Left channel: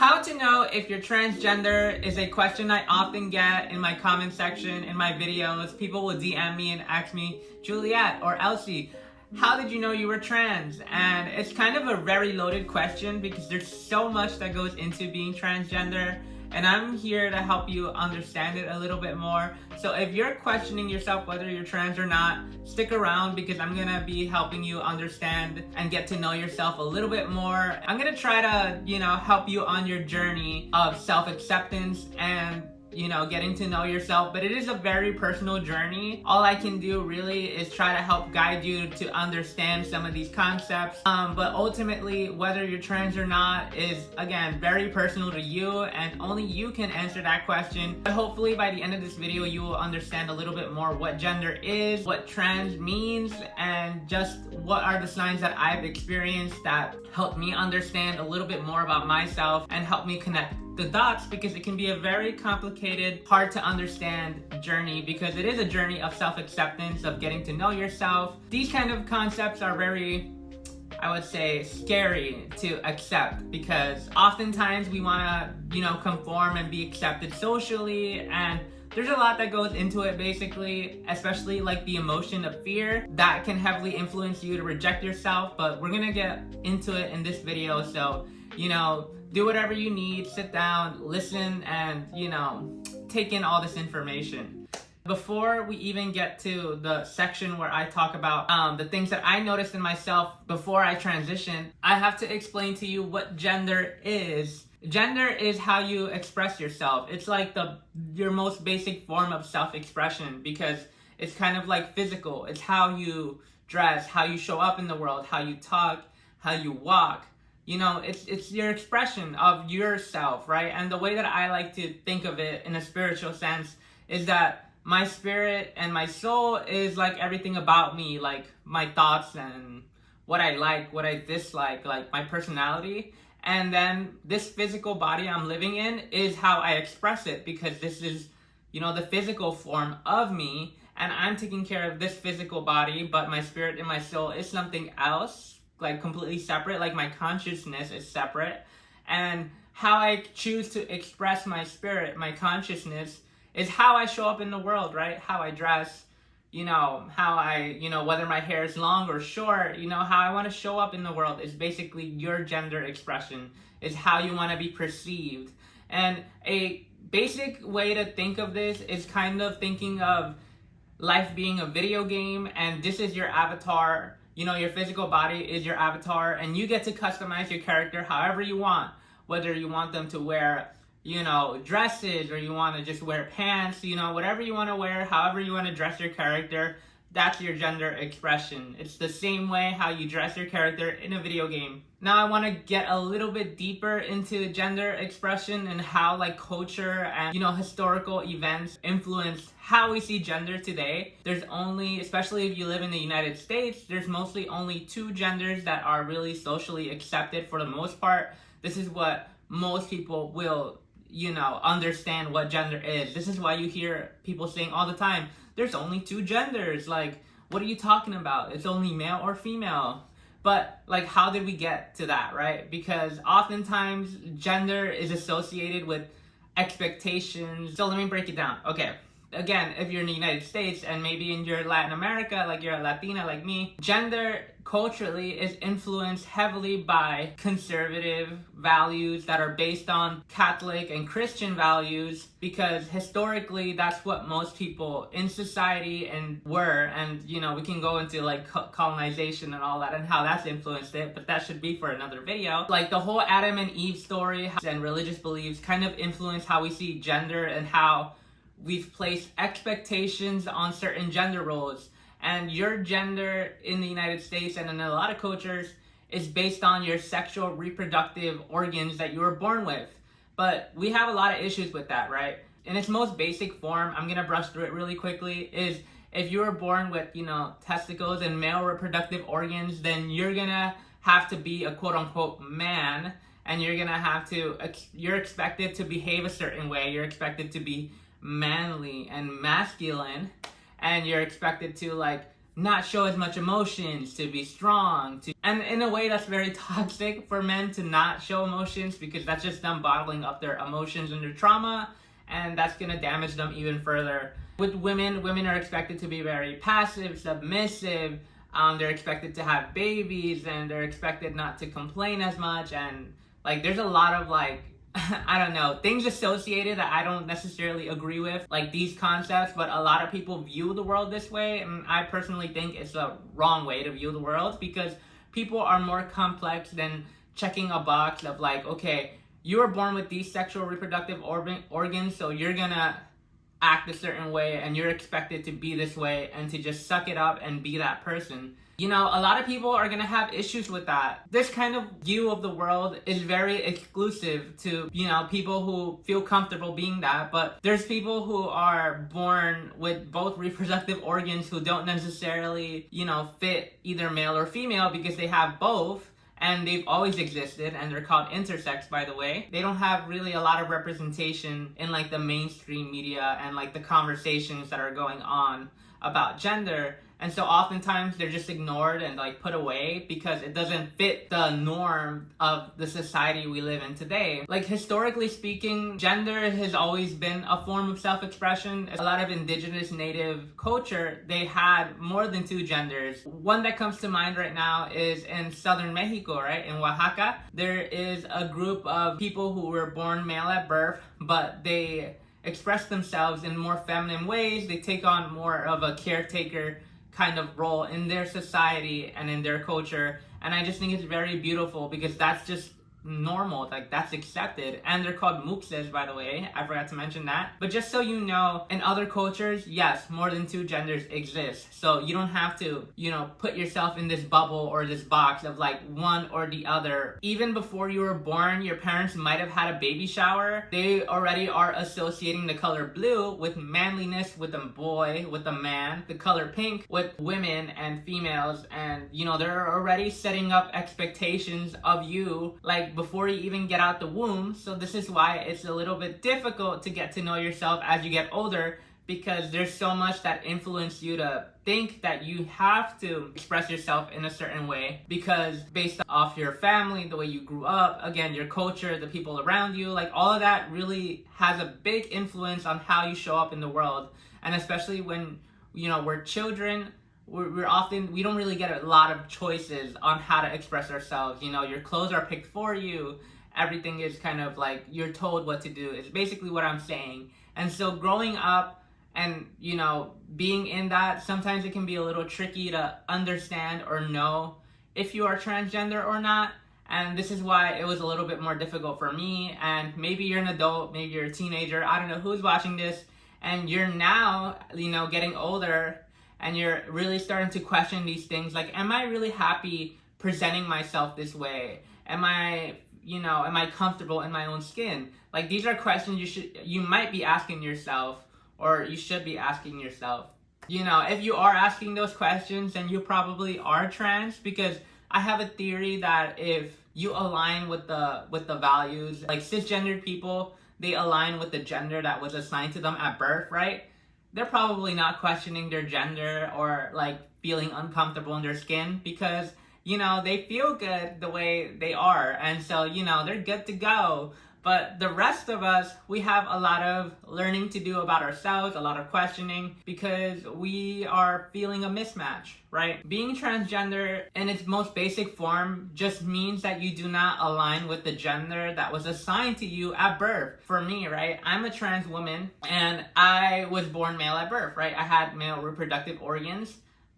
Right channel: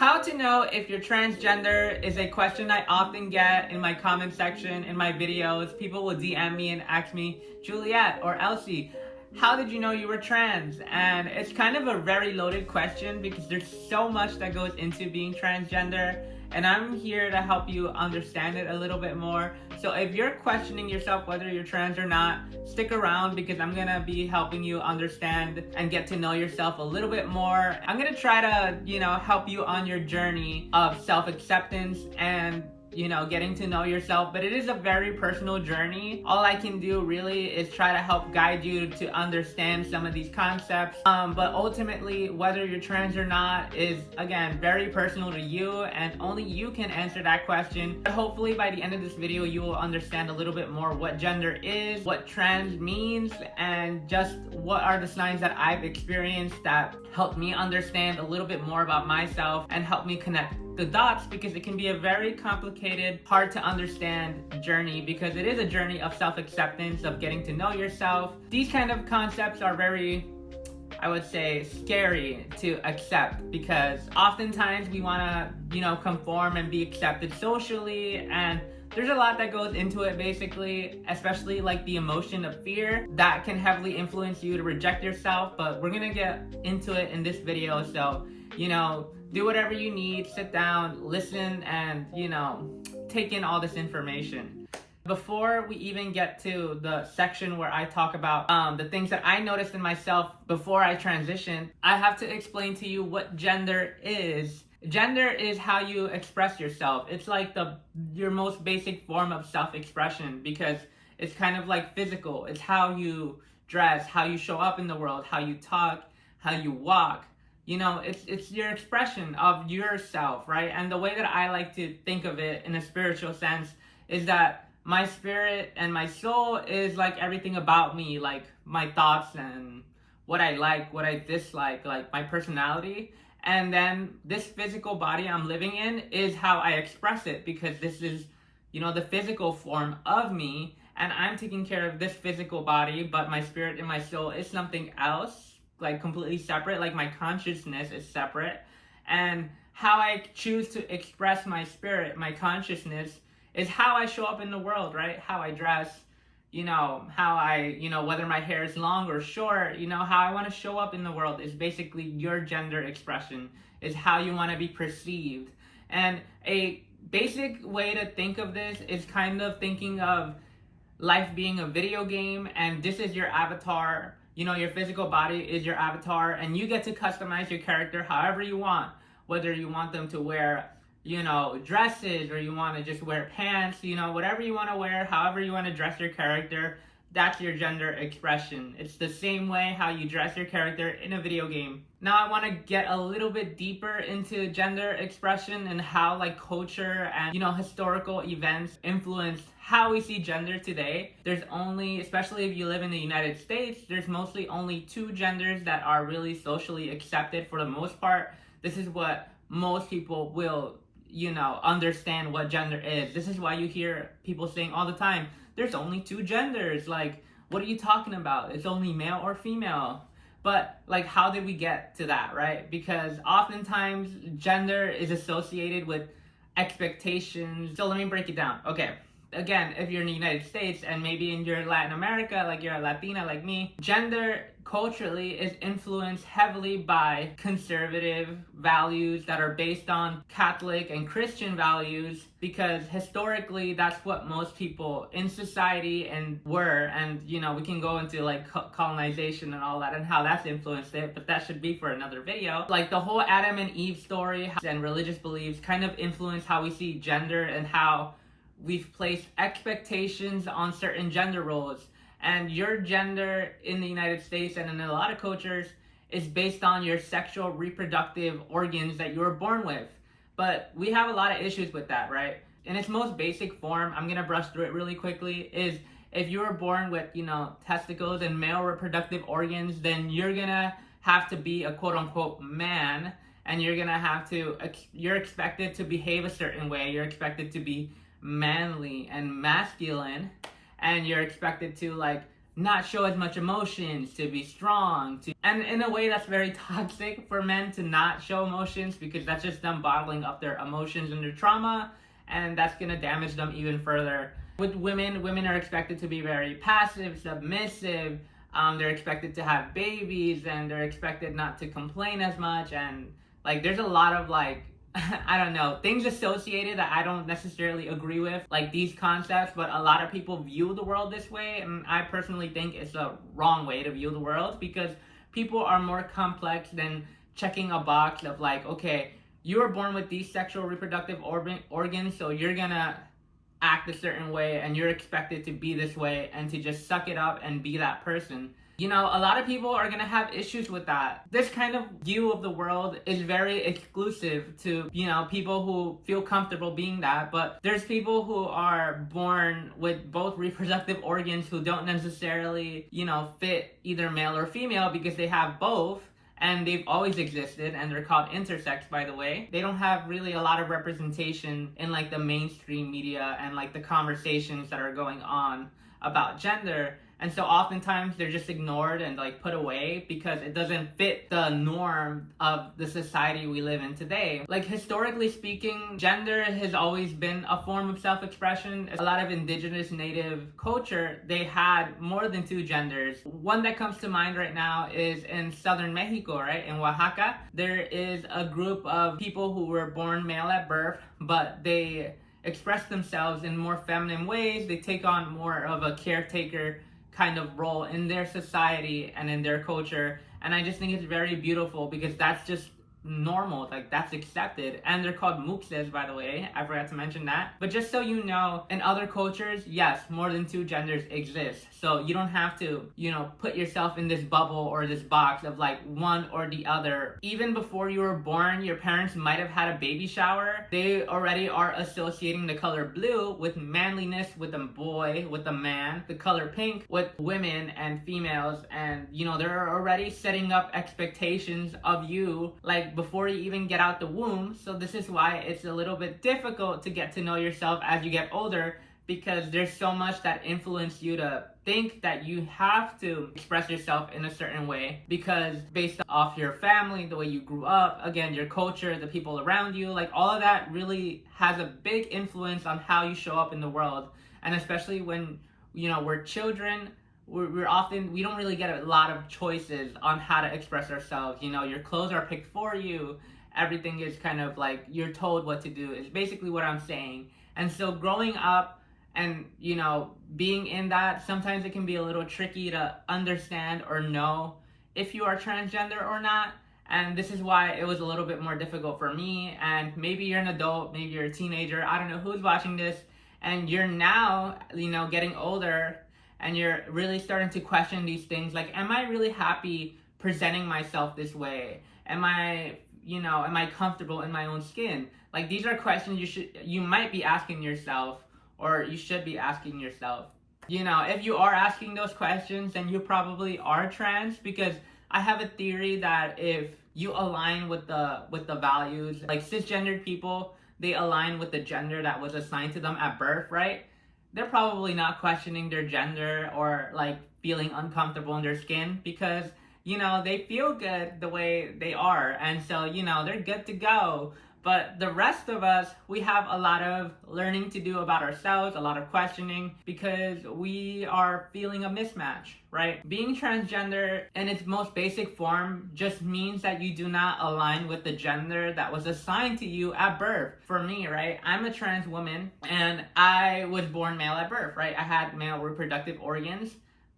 How to know if you're transgender is a question I often get in my comment section, in my videos. People will DM me and ask me, Juliet or Elsie, how did you know you were trans? And it's kind of a very loaded question because there's so much that goes into being transgender. And I'm here to help you understand it a little bit more. So if you're questioning yourself whether you're trans or not, stick around because I'm gonna be helping you understand and get to know yourself a little bit more. I'm gonna try to, help you on your journey of self-acceptance and getting to know yourself, but it is a very personal journey. All I can do really is try to help guide you to understand some of these concepts. But ultimately, whether you're trans or not is, again, very personal to you, and only you can answer that question. But hopefully by the end of this video, you will understand a little bit more what gender is, what trans means, and just what are the signs that I've experienced that helped me understand a little bit more about myself and help me connect the dots, because it can be a very complicated, hard to understand journey, because it is a journey of self-acceptance, of getting to know yourself. These kind of concepts are very, I would say, scary to accept, because oftentimes we want to, conform and be accepted socially, and there's a lot that goes into it, basically, especially like the emotion of fear that can heavily influence you to reject yourself. But we're gonna get into it in this video, so do whatever you need, sit down, listen, and take in all this information. Before we even get to the section where I talk about the things that I noticed in myself before I transitioned, I have to explain to you what gender is. Gender is how you express yourself. It's like your most basic form of self-expression, because it's kind of like physical. It's how you dress, how you show up in the world, how you talk, how you walk. It's your expression of yourself, right? And the way that I like to think of it in a spiritual sense is that my spirit and my soul is like everything about me, like my thoughts and what I like, what I dislike, like my personality. And then this physical body I'm living in is how I express it, because this is, the physical form of me, and I'm taking care of this physical body, but my spirit and my soul is something else, like completely separate. Like my consciousness is separate, and how I choose to express my spirit, my consciousness, is how I show up in the world, right? How I dress, how I, whether my hair is long or short, how I want to show up in the world is basically your gender expression, is how you want to be perceived. And a basic way to think of this is kind of thinking of life being a video game, and this is your avatar. Your physical body is your avatar, and you get to customize your character however you want, whether you want them to wear dresses, or you want to just wear pants, whatever you want to wear, however you want to dress your character, that's your gender expression. It's the same way how you dress your character in a video game. Now I want to get a little bit deeper into gender expression and how culture and historical events influence how we see gender today. There's only, especially if you live in the United States, there's mostly only two genders that are really socially accepted for the most part. This is what most people will understand what gender is. This is why you hear people saying all the time, there's only two genders. Like, what are you talking about? It's only male or female. But how did we get to that, right? Because oftentimes gender is associated with expectations. So let me break it down. Okay. Again, if you're in the United States and maybe in your Latin America, like you're a Latina like me, gender culturally is influenced heavily by conservative values that are based on Catholic and Christian values, because historically that's what most people in society were. And we can go into colonization and all that and how that's influenced it, but that should be for another video. The whole Adam and Eve story and religious beliefs kind of influence how we see gender and how we've placed expectations on certain gender roles. And your gender in the United States and in a lot of cultures is based on your sexual reproductive organs that you were born with. But we have a lot of issues with that, right? In its most basic form, I'm gonna brush through it really quickly, is if you were born with, testicles and male reproductive organs, then you're gonna have to be a quote unquote man, and you're expected to behave a certain way. You're expected to be manly and masculine, and you're expected to not show as much emotions, to be strong, and in a way that's very toxic for men to not show emotions, because that's just them bottling up their emotions and their trauma, and that's gonna damage them even further. With women are expected to be very passive, submissive. They're expected to have babies, and they're expected not to complain as much, and like there's a lot of like I don't know, things associated that I don't necessarily agree with, like these concepts, but a lot of people view the world this way, and I personally think it's a wrong way to view the world, because people are more complex than checking a box of like, okay, you were born with these sexual reproductive organs, so you're gonna act a certain way, and you're expected to be this way, and to just suck it up and be that person. You know, a lot of people are gonna have issues with that. This kind of view of the world is very exclusive to, you know, people who feel comfortable being that, but there's people who are born with both reproductive organs who don't necessarily, you know, fit either male or female, because they have both, and they've always existed, and they're called intersex, by the way. They don't have really a lot of representation in like the mainstream media and like the conversations that are going on about gender. And so oftentimes they're just ignored and like put away because it doesn't fit the norm of the society we live in today. Like historically speaking, gender has always been a form of self-expression. A lot of indigenous native culture, they had more than two genders. One that comes to mind right now is in southern Mexico, right? In Oaxaca, there is a group of people who were born male at birth, but they express themselves in more feminine ways. They take on more of a caretaker kind of role in their society and in their culture, and I just think it's very beautiful because that's just normal, like that's accepted. And they're called Muxes, by the way, I forgot to mention that. But just so you know, in other cultures, yes, more than two genders exist, so you don't have to, you know, put yourself in this bubble or this box of like one or the other. Even before you were born, your parents might have had a baby shower. They already are associating the color blue with manliness, with a boy, with a man, the color pink with women and females, and you know, they're already setting up expectations of you like before you even get out the womb. So this is why it's a little bit difficult to get to know yourself as you get older, because there's so much that influences you to think that you have to express yourself in a certain way, because based off your family, the way you grew up, again, your culture, the people around you, like all of that really has a big influence on how you show up in the world. And especially when, you know, we're children, we don't really get a lot of choices on how to express ourselves. You know, your clothes are picked for you. Everything is kind of like you're told what to do. It's basically what I'm saying. And so growing up and, you know, being in that, sometimes it can be a little tricky to understand or know if you are transgender or not. And this is why it was a little bit more difficult for me. And maybe you're an adult, maybe you're a teenager, I don't know who's watching this, and you're now, you know, getting older, and you're really starting to question these things, like, am I really happy presenting myself this way? Am I comfortable in my own skin? Like, these are questions you might be asking yourself, or you should be asking yourself. You know, if you are asking those questions, then you probably are trans, because I have a theory that if you align with the values, like cisgendered people, they align with the gender that was assigned to them at birth, right? They're probably not questioning their gender or like feeling uncomfortable in their skin, because, you know, they feel good the way they are, and so, you know, they're good to go. But the rest of us, we have a lot of learning to do about ourselves, a lot of questioning, because we are feeling a mismatch, right? Being transgender in its most basic form just means that you do not align with the gender that was assigned to you at birth. For me, right, I'm a trans woman, and I was born male at birth, right? I had male reproductive organs,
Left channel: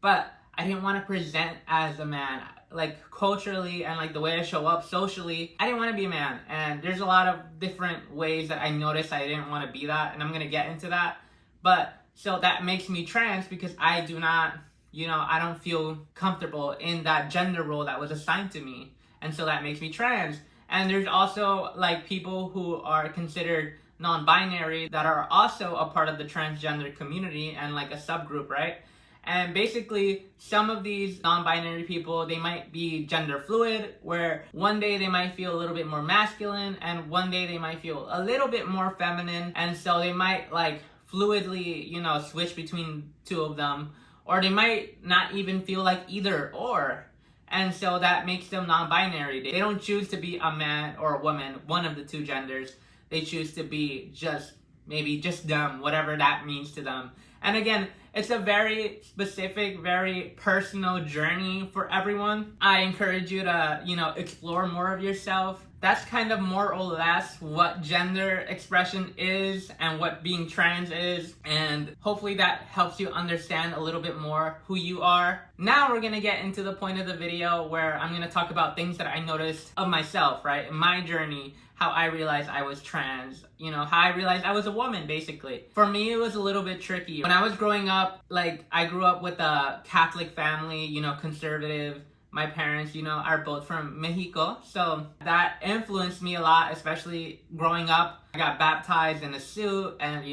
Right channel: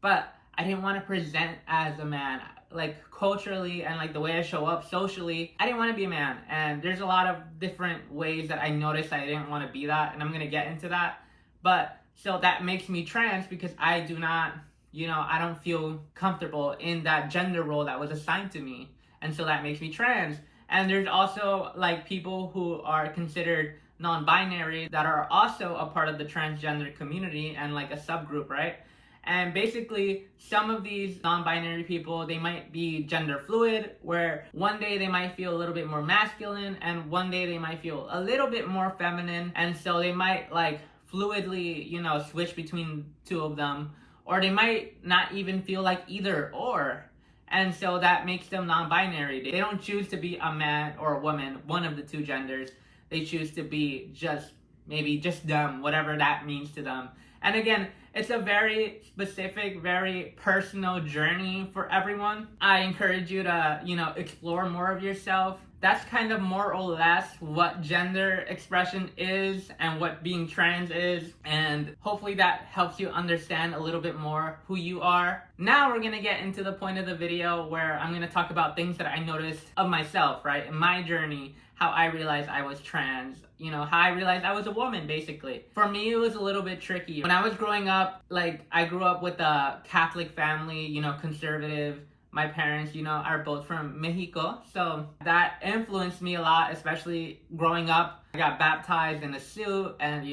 but I didn't want to present as a man. Like culturally and like the way I show up socially, I didn't want to be a man. And there's a lot of different ways that I noticed I didn't want to be that, and I'm gonna get into that. But so that makes me trans, because I do not, you know, I don't feel comfortable in that gender role that was assigned to me, and so that makes me trans. And there's also like people who are considered non-binary that are also a part of the transgender community and like a subgroup, right? And basically, some of these non-binary people, they might be gender fluid, where one day they might feel a little bit more masculine, and one day they might feel a little bit more feminine, and so they might like fluidly, you know, switch between two of them. or they might not even feel like either or. And so that makes them non-binary. They don't choose to be a man or a woman, one of the two genders. They choose to be just maybe just them, whatever that means to them. And again, it's a very specific, very personal journey for everyone. I encourage you to, explore more of yourself. That's kind of more or less what gender expression is and what being trans is. And hopefully that helps you understand a little bit more who you are. Now we're gonna get into the point of the video where I'm gonna talk about things that I noticed of myself, right? In my journey, how I realized I was trans, how I realized I was a woman, basically. For me, it was a little bit tricky. When I was growing up, I grew up with a Catholic family, conservative. My parents, are both from Mexico. So that influenced me a lot, especially growing up. I got baptized in a suit and,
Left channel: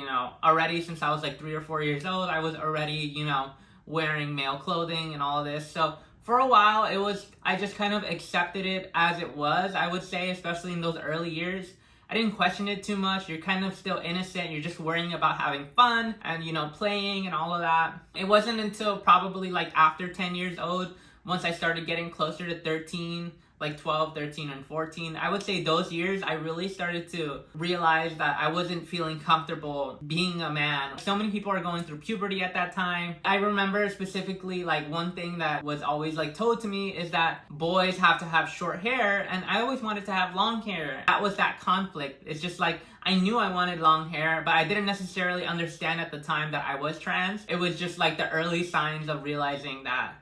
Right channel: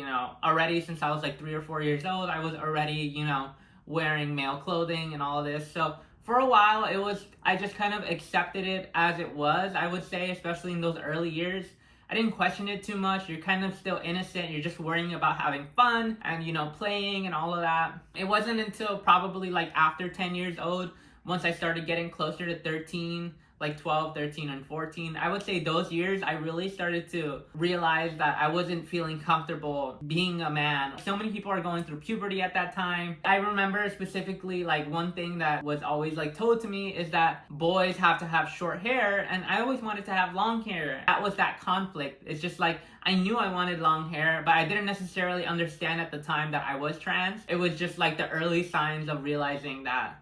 already since I was 3 or 4 years old, I was already, wearing male clothing and all of this. So for a while, I just kind of accepted it as it was, I would say, especially in those early years. I didn't question it too much. You're kind of still innocent. You're just worrying about having fun and, playing and all of that. It wasn't until probably after 10 years old, once I started getting closer to 13, 12, 13, and 14, I would say those years, I really started to realize that I wasn't feeling comfortable being a man. So many people are going through puberty at that time. I remember specifically, one thing that was always, told to me is that boys have to have short hair, and I always wanted to have long hair. That was that conflict. It's just I knew I wanted long hair, but I didn't necessarily understand at the time that I was trans. It was just the early signs of realizing that,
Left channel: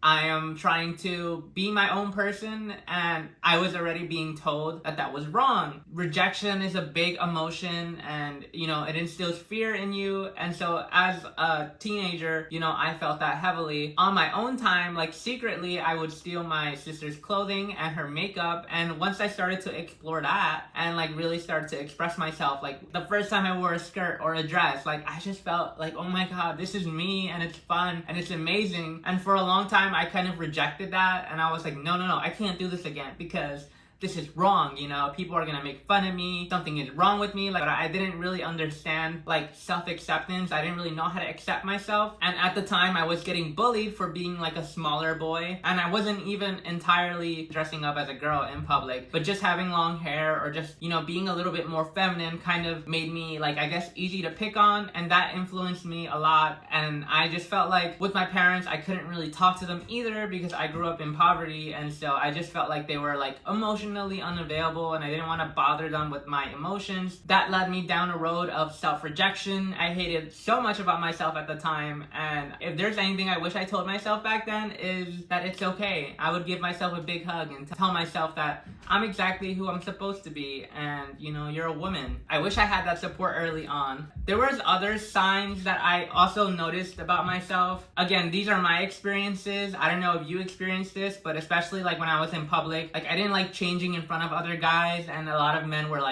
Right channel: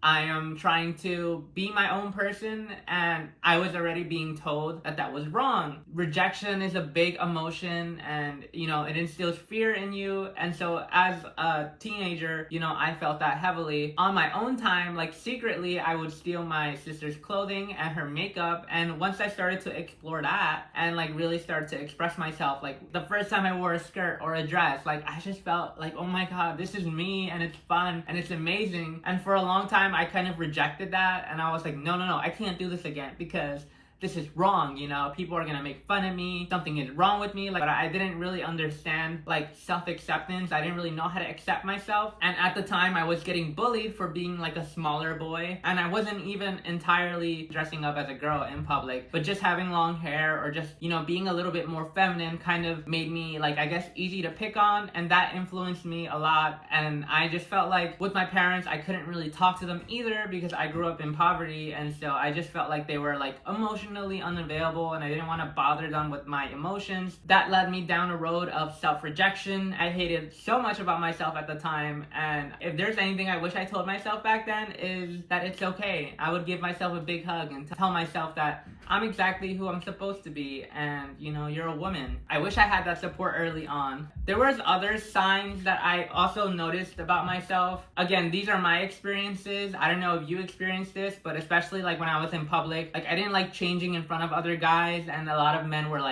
I am trying to be my own person, and I was already being told that that was wrong. Rejection is a big emotion, and, it instills fear in you. And so as a teenager, I felt that heavily. On my own time, secretly, I would steal my sister's clothing and her makeup. And once I started to explore that and really started to express myself, the first time I wore a skirt or a dress, I just felt oh my god, this is me, and it's fun and it's amazing. And for a long time I kind of rejected that, and I was no, I can't do this again because this is wrong, people are gonna make fun of me, something is wrong with me. But I didn't really understand self-acceptance. I didn't really know how to accept myself. And at the time I was getting bullied for being a smaller boy, and I wasn't even entirely dressing up as a girl in public, but just having long hair or just being a little bit more feminine kind of made me I guess easy to pick on, and that influenced me a lot. And I just felt with my parents, I couldn't really talk to them either because I grew up in poverty, and so I just felt they were emotionally unavailable, and I didn't want to bother them with my emotions. That led me down a road of self-rejection. I hated so much about myself at the time, and if there's anything I wish I told myself back then is that it's okay. I would give myself a big hug and tell myself that I'm exactly who I'm supposed to be, and you're a woman. I wish I had that support early on. There was other signs that I also noticed about myself. Again, these are my experiences. I don't know if you experienced this, but especially when I was in public, I didn't changing in front of other guys, and a lot of men were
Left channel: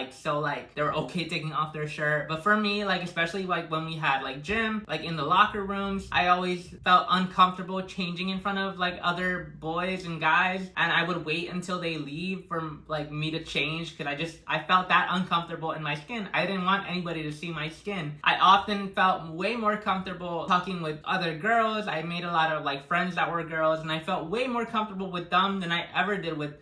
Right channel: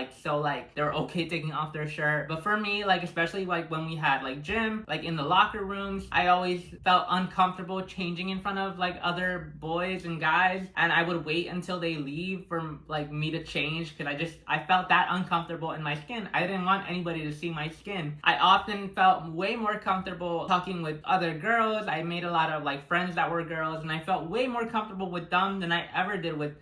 they were okay taking off their shirt. But for me, especially when we had gym, in the locker rooms, I always felt uncomfortable changing in front of other boys and guys, and I would wait until they leave for me to change because I felt that uncomfortable in my skin. I didn't want anybody to see my skin. I often felt way more comfortable talking with other girls. I made a lot of friends that were girls, and I felt way more comfortable with them than I ever did with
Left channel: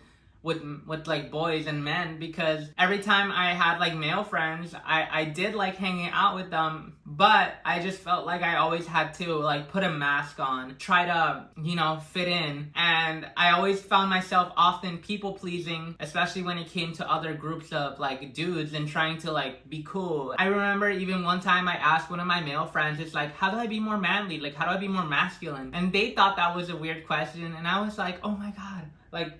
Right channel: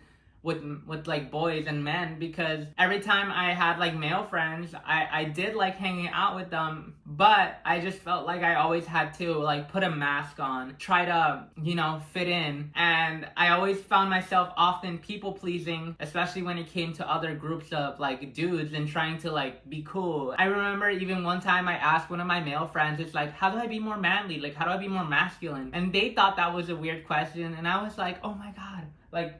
boys and men, because every time I had male friends, I did hanging out with them, but I just felt I always had to put a mask on, try to fit in. And I always found myself often people pleasing, especially when it came to other groups of dudes and trying to be cool. I remember even one time I asked one of my male friends, it's how do I be more manly, how do I be more masculine? And they thought that was a weird question, and I was oh my god,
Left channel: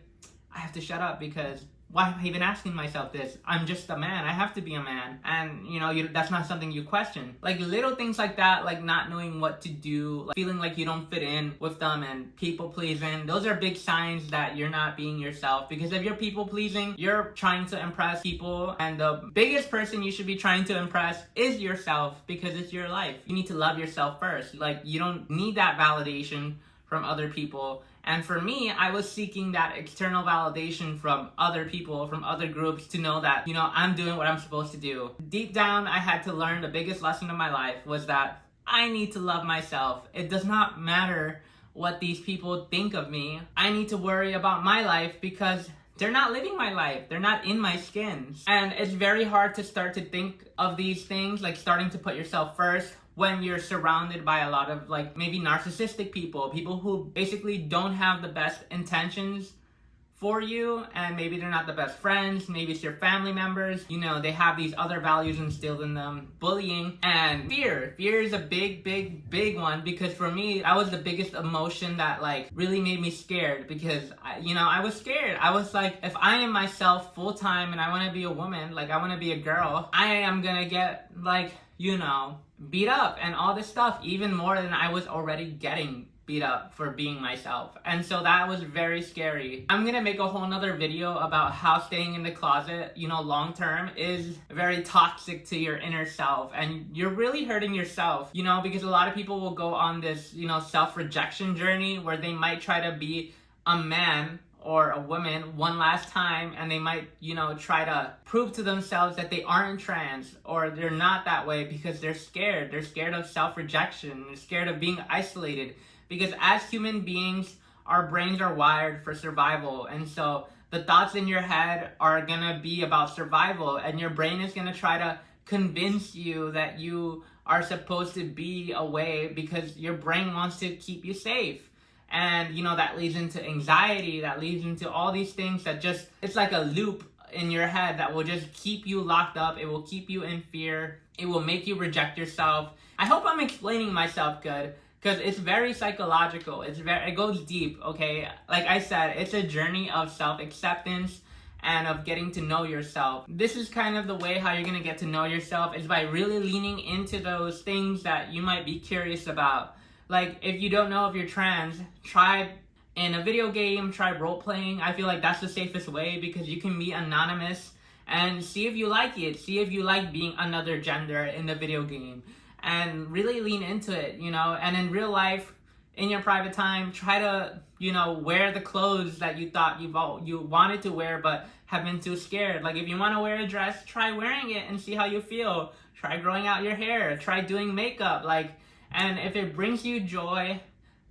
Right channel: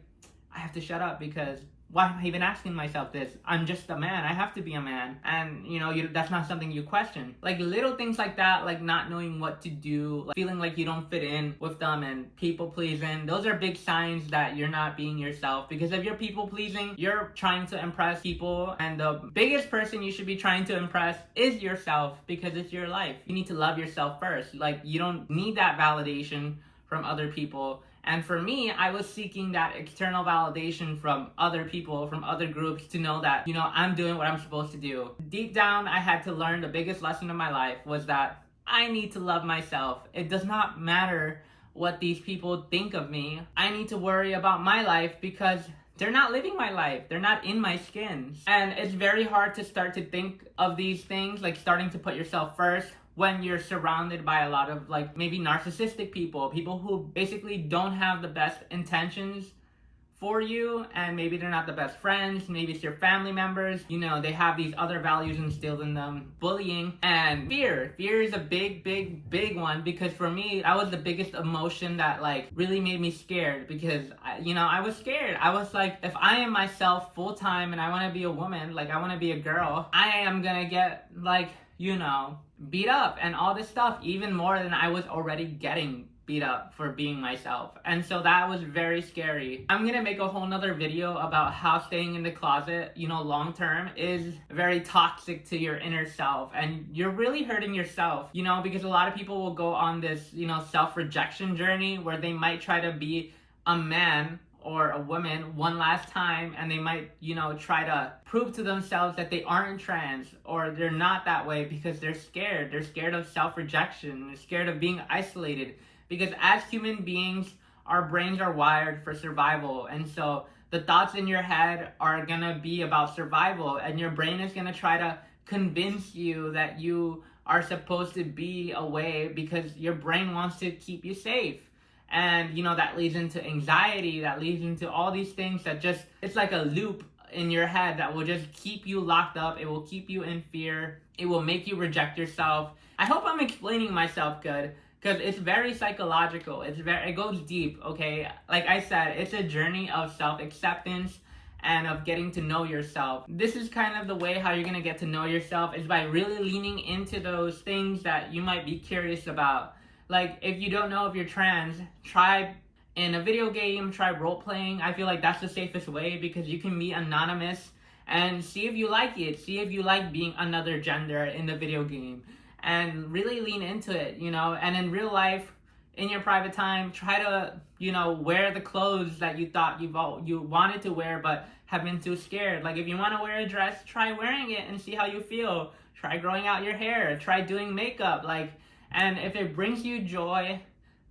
I have to shut up because why am I even asking myself this? I'm just a man. I have to be a man. And, that's not something you question. Little things like that, not knowing what to do, feeling you don't fit in with them and people pleasing. Those are big signs that you're not being yourself. Because if you're people pleasing, you're trying to impress people. And the biggest person you should be trying to impress is yourself, because it's your life. You need to love yourself first. You don't need that validation from other people. And for me, I was seeking that external validation from other people, from other groups, to know that, I'm doing what I'm supposed to do. Deep down, I had to learn the biggest lesson of my life was that I need to love myself. It does not matter what these people think of me. I need to worry about my life because they're not living my life. They're not in my skin. And it's very hard to start to think of these things, like starting to put yourself first, when you're surrounded by a lot of like maybe narcissistic people who basically don't have the best intentions for you, and maybe they're not the best friends, maybe it's your family members, you know, they have these other values instilled in them. Bullying and fear is a big one, because for me, that was the biggest emotion that like really made me scared, because I was scared. I was like, if I am myself full time and I want to be a woman, like I want to be a girl, I am gonna get like, beat up and all this stuff, even more than I was already getting beat up for being myself. And so that was very scary. I'm gonna make a whole nother video about how staying in the closet, long term is very toxic to your inner self, and you're really hurting yourself, because a lot of people will go on this, self-rejection journey where they might try to be a man or a woman one last time, and they might, try to prove to themselves that they aren't trans or they're not that way, because they're scared. They're scared of self-rejection. They're scared of being isolated. Because as human beings, our brains are wired for survival. And so the thoughts in your head are gonna be about survival, and your brain is gonna try to convince you that you are supposed to be away because your brain wants to keep you safe. And, that leads into anxiety, that leads into all these things that just, it's like a loop in your head that will just keep you locked up. It will keep you in fear. It will make you reject yourself. I hope I'm explaining myself good, because it's very psychological. It goes deep, okay? Like I said, it's a journey of self-acceptance and of getting to know yourself. This is kind of the way how you're gonna get to know yourself, is by really leaning into those things that you might be curious about. Like, if you don't know if you're trans, try in a video game, try role-playing. I feel like that's the safest way, because you can be anonymous and see if you like it. See if you like being another gender in the video game. And really lean into it, and in real life, in your private time, try to, wear the clothes that you thought you wanted to wear but have been too scared. Like, if you want to wear a dress, try wearing it and see how you feel. Try growing out your hair, try doing makeup, and if it brings you joy,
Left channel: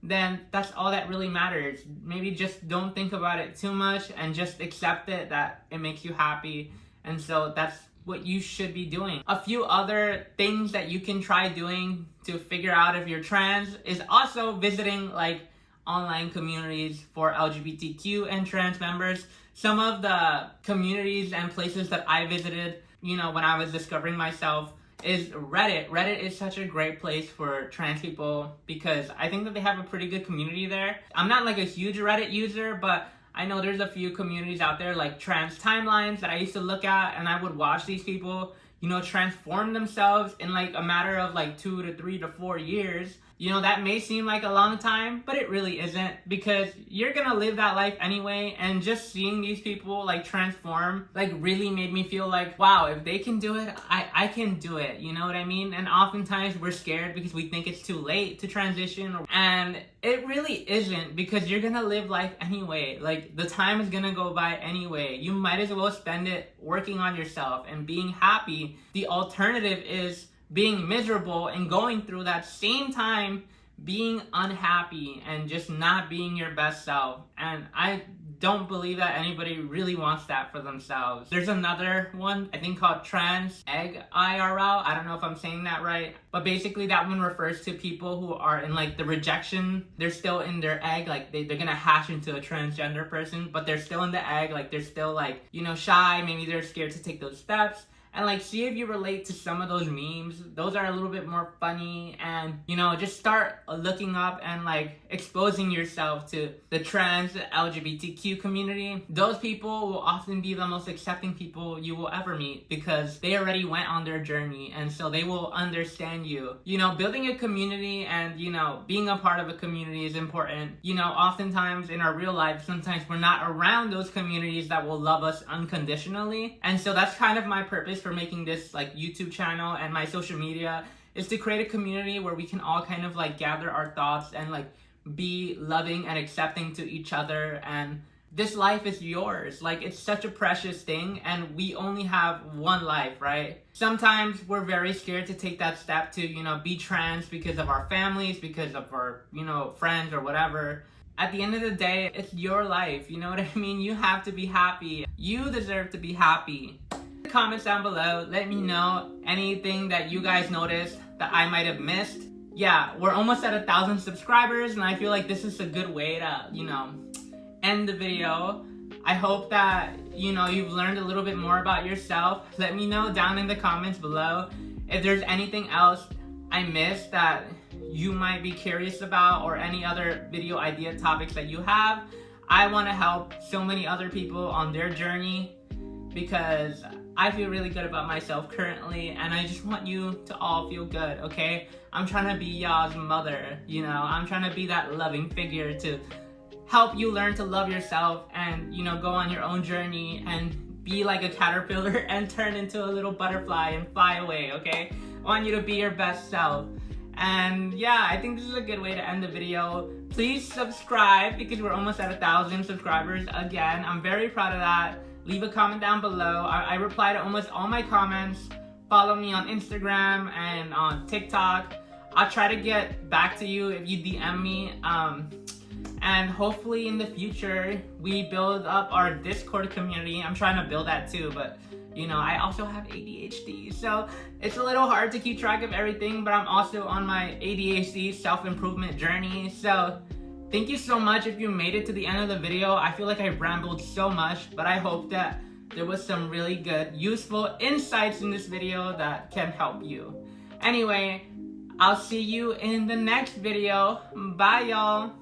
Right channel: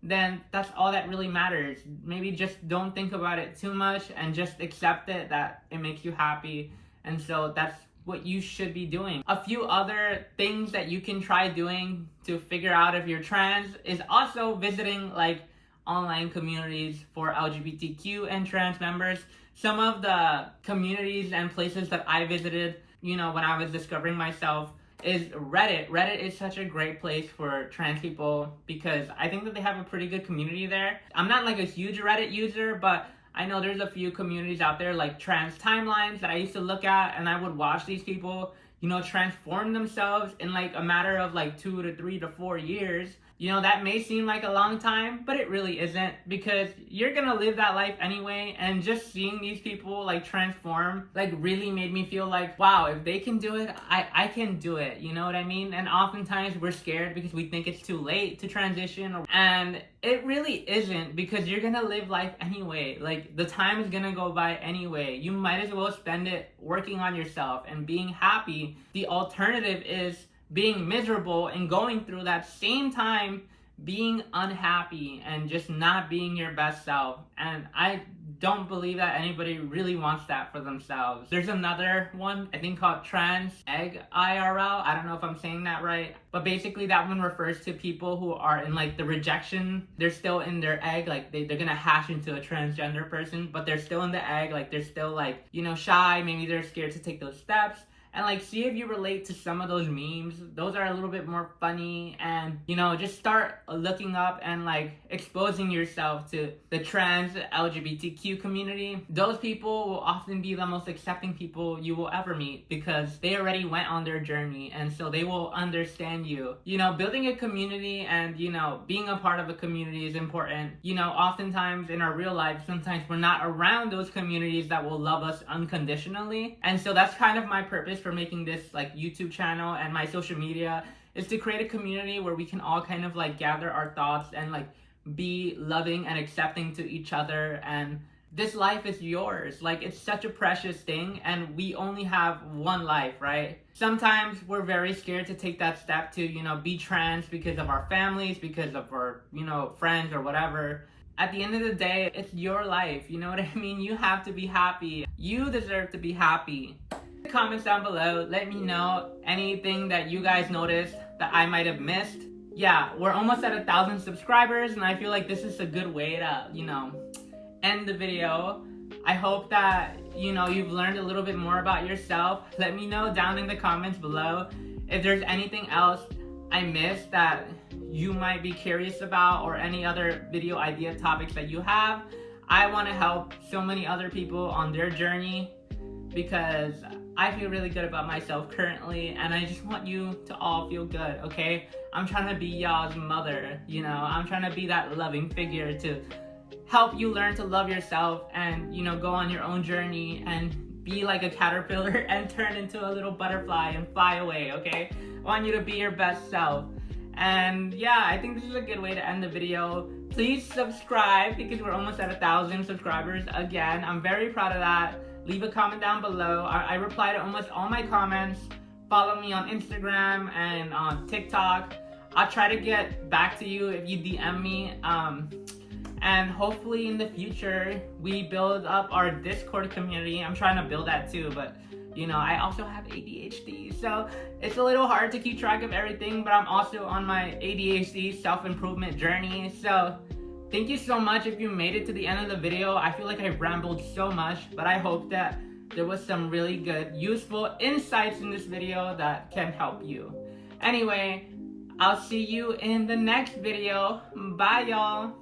then that's all that really matters. Maybe just don't think about it too much and just accept it, that it makes you happy. And so that's what you should be doing. A few other things that you can try doing to figure out if you're trans is also visiting online communities for LGBTQ and trans members. Some of the communities and places that I visited, when I was discovering myself, is Reddit. Reddit is such a great place for trans people, because I think that they have a pretty good community there. I'm not like a huge Reddit user, but I know there's a few communities out there like TransTimelines that I used to look at, and I would watch these people, transform themselves in a matter of 2 to 3 to 4 years. That may seem like a long time, but it really isn't, because you're gonna live that life anyway. And just seeing these people transform really made me feel like, wow, if they can do it, I can do it. You know what I mean? And oftentimes we're scared because we think it's too late to transition, and it really isn't, because you're gonna live life anyway. The time is gonna go by anyway. You might as well spend it working on yourself and being happy. The alternative is being miserable and going through that same time being unhappy and just not being your best self. And I don't believe that anybody really wants that for themselves. There's another one, I think, called Trans Egg IRL. I don't know if I'm saying that right, but basically that one refers to people who are in the rejection. They're still in their egg, they're gonna hatch into a transgender person, but they're still in the egg, they're still shy, maybe they're scared to take those steps. And see if you relate to some of those memes. Those are a little bit more funny, and just start looking up and exposing yourself to the trans LGBTQ community. Those people will often be the most accepting people you will ever meet, because they already went on their journey, and so they will understand you. Building a community and being a part of a community is important. Oftentimes in our real life, sometimes we're not around those communities that will love us unconditionally. And so that's kind of my purpose for making this YouTube channel and my social media, is to create a community where we can all kind of gather our thoughts and be loving and accepting to each other, and this life is yours. Like, it's such a precious thing, and we only have one life, right? Sometimes we're very scared to take that step to, be trans because of our families, because of our, friends or whatever. At the end of the day, it's your life, you know what I mean? You have to be happy. You deserve to be happy. Comments down below, let me know anything that you guys noticed that I might have missed. Yeah, we're almost at 1,000 subscribers, and I feel like this is a good way to, end the video. I hope that, you've learned a little bit more about yourself. Let me know down in the comments below if there's anything else I missed that you might be curious about, or any other video idea topics that you have. I want to help so many other people on their journey, because I feel really good about myself currently, and I just want you to all feel good, okay? I'm trying to be y'all's mother, I'm trying to be that loving figure to help you learn to love yourself and, go on your own journey and be like a caterpillar and turn into a little butterfly and fly away, okay? I want you to be your best self. And yeah, I think this is a good way to end the video. Please subscribe, because we're almost at 1,000 subscribers again. I'm very proud of that. Leave a comment down below. I reply to almost all my comments. Follow me on Instagram and on TikTok. I'll try to get back to you if you DM me. And hopefully in the future, we build up our Discord community. I'm trying to build that too, but I also have ADHD, so it's a little hard to keep track of everything, but I'm also on my ADHD self-improvement journey. So thank you so much if you made it to the end of the video. I feel like I rambled so much, but I hope that there was some really good, useful insights in this video that can help you. Anyway, I'll see you in the next video. Bye, y'all.